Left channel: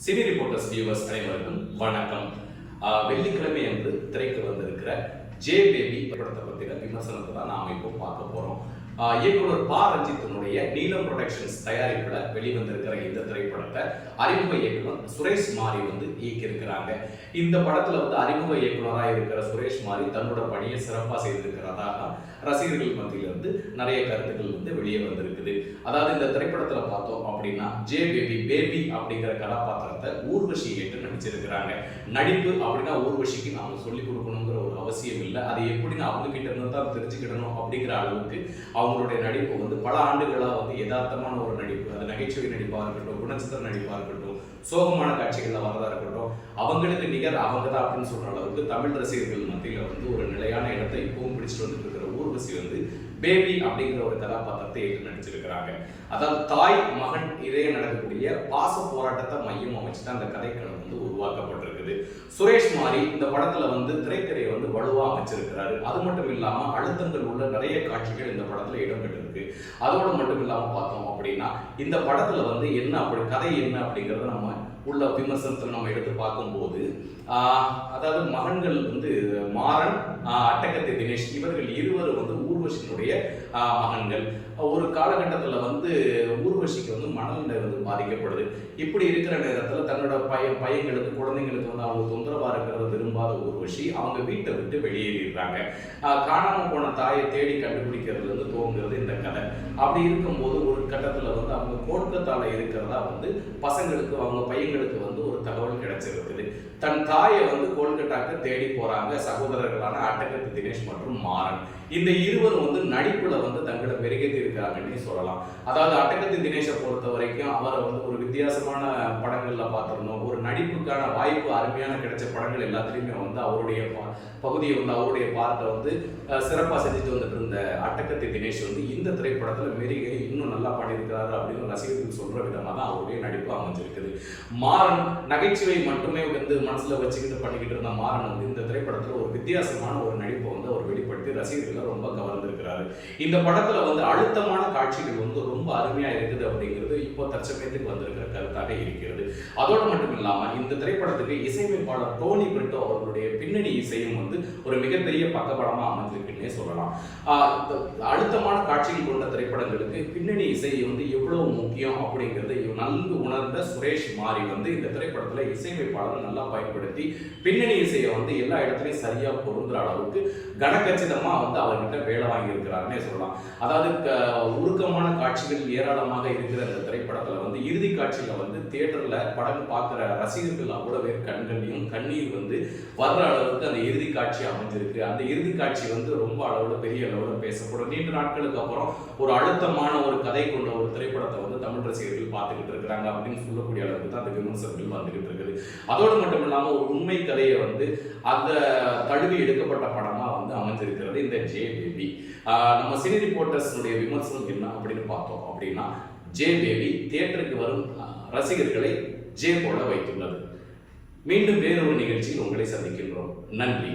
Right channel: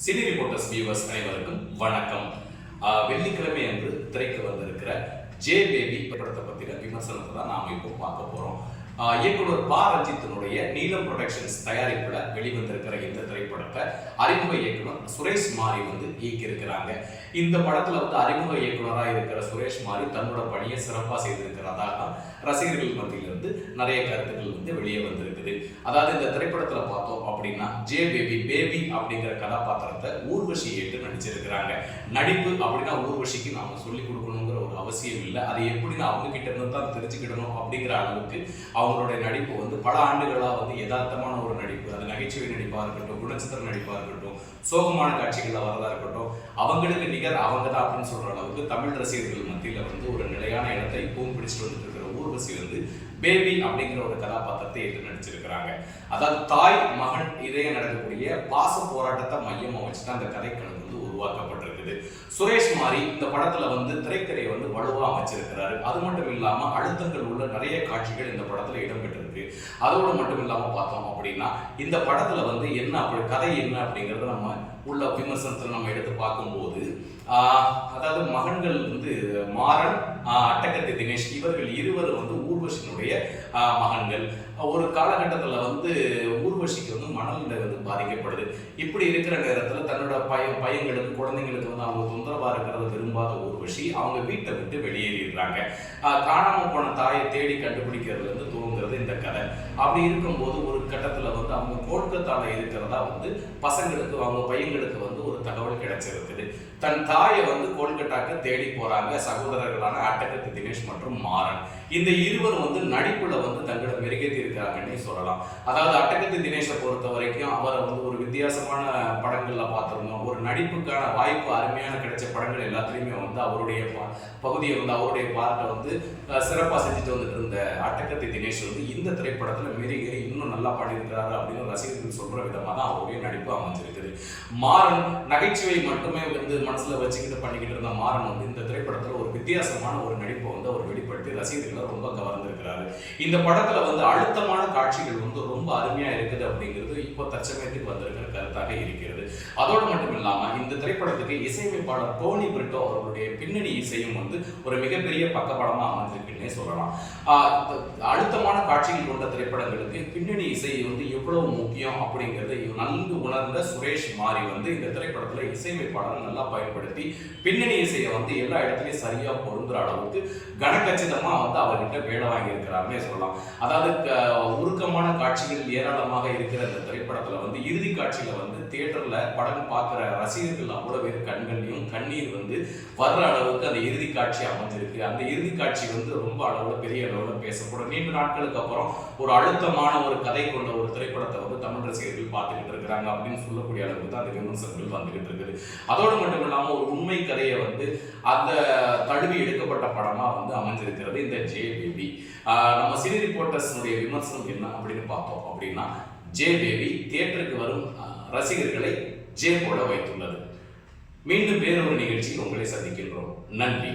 Cine reporters viewers அனைவருக்கும் வணக்கம். வெள்ளிக்கிழமை அன்று திரைக்கு வந்திருக்கிற ஜே பேபி படத்தை பற்றின விமர்சனத்தை தான் நாம் இப்போ பார்க்க போகிறோம் இயக்குனர் பா. ரஞ்சித்தினுடைய நீலம் ப்ரொடக்ஷன்ஸ் தயாரிப்பில் வெளிவந்திருக்கிற இந்த திரைப்படத்தை அறிமுக இயக்குனர் சுரேஷ் மாரி வந்து இயக்கியிருக்கிறாங்க. இந்த படத்தில் வந்து அறிமுக இயக்குனராக இருக்கிற சுரேஷ் மாரி தன்னோட பணியை சிறப்பாக செய்திருக்கிறதாக ரசிகர்கள் மத்தியிலிருந்து நிறைய கருத்துக்கள் வந்து வெளியே வந்திருக்குது. அதாவது இந்த திரைப்படத்தில் பார்த்தோம் அப்படின்னா ஜே பேபி பேபி அப்படிங்கிற கதாபாத்திரத்தை ஊர்வஷி ஏற்று நடிச்சிருக்கிறாங்க. நடிப்பு அப்படின்னா ஊர்வஷிக்கு நாம சொல்லி கொடுக்கணுங்கிற ஒரு அவசியம் இல்லை. அதை எப்படின்னு அவங்க கிட்ட இருந்து தான் தெரிஞ்சுக்கிடணும் அப்படிங்கிற அளவுக்கு அவங்க அவங்களுடைய நடிப்பு வந்து பல ஆண்டுகளாக வந்து யதார்த்தமான ஒரு நடிப்பு. அது நகைச்சுவை நடிப்பாக இருக்கட்டும் குணச்சித்திர நடிப்பாக இருக்கட்டும் சோகமான காட்சிகளில் வரதா இருக்கட்டும் அவங்களுக்கு நிகர் அவங்க தான் அப்படின்னு சொல்கிற அளவுக்கு தமிழ் ரசிகர்கள் மத்தியில் வந்து ஒரு நிலையான இடத்தை இப்பவும் பிடிச்சிட்டு வந்துட்டு இருக்கிற ஊர்வசி வந்து பேபி அப்படிங்கிற ஒரு கதாபாத்திரத்தை ஏற்று நடிச்சிருக்கிறாங்க. அதாவது தாய் மகன் இதே நடக்கக்கூடிய பாச போராட்டத்தை மையமாக வச்சுட்டு அந்த கதைக்களம் வந்து உருவாக்கப்பட்டிருக்குது. சுரேஷ் மாரி இந்த படத்துல வந்து திரைக்கதையை வந்து வலுவா அமைச்சிருக்கிறாரு. அது மட்டும் இல்லாம அழுத்தங்கள் உள்ள நிறைய காட்சிகள் இந்த படத்துல இடம்பெற்றிருக்கு. அதோடு மட்டும் இல்லாம பார்த்தோம் அப்படின்னா இந்த படத்துல வந்து என்ன அப்படி கதை என்ன அப்படிங்கறத நம்ம உள்ள விமர்சனத்தில் நம்ம எடுத்து பார்க்கும்போது அதாவது மகன்கள் வந்து மாறன் ஆஹ், அட்டகத்தி தினேஷ் இவர்கள் இருவரும் வந்து ஊர்வசியினுடைய ஆஹ், மகன்கள். ஒரு காலகட்டத்தில் வந்து ஊர்வசிக்கு வந்து மனநிலை வந்து பாதிக்கப்படுது. இப்படி இருக்கிற நேரத்தில் தன்னோட பையன் பையன்களுக்கு குழந்தைங்களுக்கு வந்து அவங்க தொந்தரவாக இருக்கிறத விரும்பாத ஊர்வசி அவங்க வீட்டை விட்டு வெளியேறிடுறாங்க. காணாமல் போன தாயை தேடி கண்டுபிடிக்கிறதுலேருந்து துவங்குறது இந்த கதை. அப்படி இருக்கும்போது ஒரு கட்டத்தில் வந்து அவங்க கோல்கத்தால இருக்கிறதா வந்து பசங்களுக்கு அவங்க பையங்களுக்கு வந்து ஒரு தகவல் கிடைச்சிருக்குது. தன் தாயை வந்து கோல்கட்டாக்கு தேடி போறாங்க சகோதரர்களான அட்டகத்து தினேஷ் மற்றும் மாறன். இந்த இருவரும் வந்து நடிப்புல வந்து தங்களை மெருகேற்றி இருக்கிறாங்கன்னு சொல்லலாம். அதாவது அட்டகத்து தினேஷை பொறுத்த வரைக்கும் அவரை வந்து ஒரு வித்தியாசமான படங்கள்ல பார்த்துருந்தோம். ஒரு நடிப்புக்கான வாய்ப்பு அருமையான கிடைச்ச படங்கள் எல்லாத்துலேயுமே வந்து அவருடைய பகுதியை வந்து அவருடைய பார்ட்டை வந்து சிறப்பாக செஞ்சுட்டு வந்துட்டு இருந்த அட்டகத்தி தினேஷ் வந்து இந்த திரைப்படத்துல மெருகேறி இன்னும் நல்லா பண்ணியிருக்கிறாரு அப்படின்னு ரசிகர்கள் சொல்ற விதமாக தான் அவருடைய நடிப்பு அமைஞ்சிருக்குது. மாறன் நகைச்சுவை மட்டுமே வந்து மனசுல வச்சுக்கிட்டு பண்ணிக்கிட்டு இருந்த மாறன் வந்து இந்த திரைப்படத்தில் ஒரு வித்தியாசமான ஒரு நடிப்பை வந்து அவர் வெளிப்படுத்தி ரசிகர்களை ரொம்ப கவர்ந்திருக்கிறாரு. இந்த படத்துல வந்து அழுத்தமான காட்சிகள் வந்து ரொம்ப அருமையா இருக்குது அப்படிங்கிறது இப்போ தற்சமயத்துக்கு வந்திருக்கிற கருத்தாக இருக்கிறது. அதோடு மட்டும் இல்லாம இந்த திரைப்படத்துக்கு இசையமைப்பாளர் டோனி பிரிட்டோ அவர்களுடைய பின்னணி இசையும் வந்து ஒரு மிகப்பெரிய பக்கபலமா அமைஞ்சிருக்குன்னே சொல்லலாம். அழுத்தமான காட்சிகள் கொண்ட திரைப்படங்களுக்கு பின்னணி இசை வந்து எவ்வளவு முக்கியம் அப்படிங்கிறத நன்கு உணர்ந்த சுரேஷ் மாரி வந்து இந்த திரைப்படத்தில் இசையமைப்பாளரை நல்லா பயன்படுத்தி பின்னணி இசையை வந்து எல்லா இடத்துலையும் சரியாக பொருந்துற அளவுக்கு கனக்கச்சிதமாக வந்து அவர்கிட்ட வேலை வாங்கியிருக்கிறாருன்னே சொல்லலாம். அதாவது க- உருக்கமான காட்சிகள் ஏராளமாக இருக்கிற இந்த திரைப்படத்தில் வந்து இறுதி காட்சியில் வந்து தேட்டரில் படம் பார்க்குற ரசிகர்கள் அவ்வளோ பேர் கண்கள்லையும் கண்ணீர் வந்து வர்ற அளவுக்கு அந்த இறுதி காட்சி அமைஞ்சிருக்கு. அந்த இறுதி காட்சி வந்து ரொம்ப அளவில் பெரிய அளவில் பேசப்படும். நீண்ட நாட்களுக்கு அப்புறம் ஒரு அழுத்தமான ஒரு கதை கொண்ட ஒரு திரைப்படம் திரைப்படத்தை வந்து தமிழ் ரசிகர்கள் பார்த்துக்கிட்டு இருக்கிறாங்க அப்படின்னு சொல்லக்கூடிய அளவுக்கு தான் அந்த விமர்சனங்கள் வந்துகிட்டு இருக்குது. அதோடு மட்டும் இல்லாமல் ஒரு உண்மை கதையை வந்து அந்த தழுவி எடுக்கப்பட்ட படமா வந்து அமைஞ்சிருக்கிறது இந்த ஜே பேபி நம்ம சினி ரிப்போர்ட்டர்ஸுடைய விமர்சனம் என்ன அப்படின்னு பார்த்தோம் அப்படின்னா ஜே பேபி தியேட்டருக்கு வரும் ரசிகர்களை ஜே போல வைத்துள்ளது. மீண்டும் வேறொரு நிகழ்ச்சியில் உங்களை சந்திக்கின்றோம். நன்றி.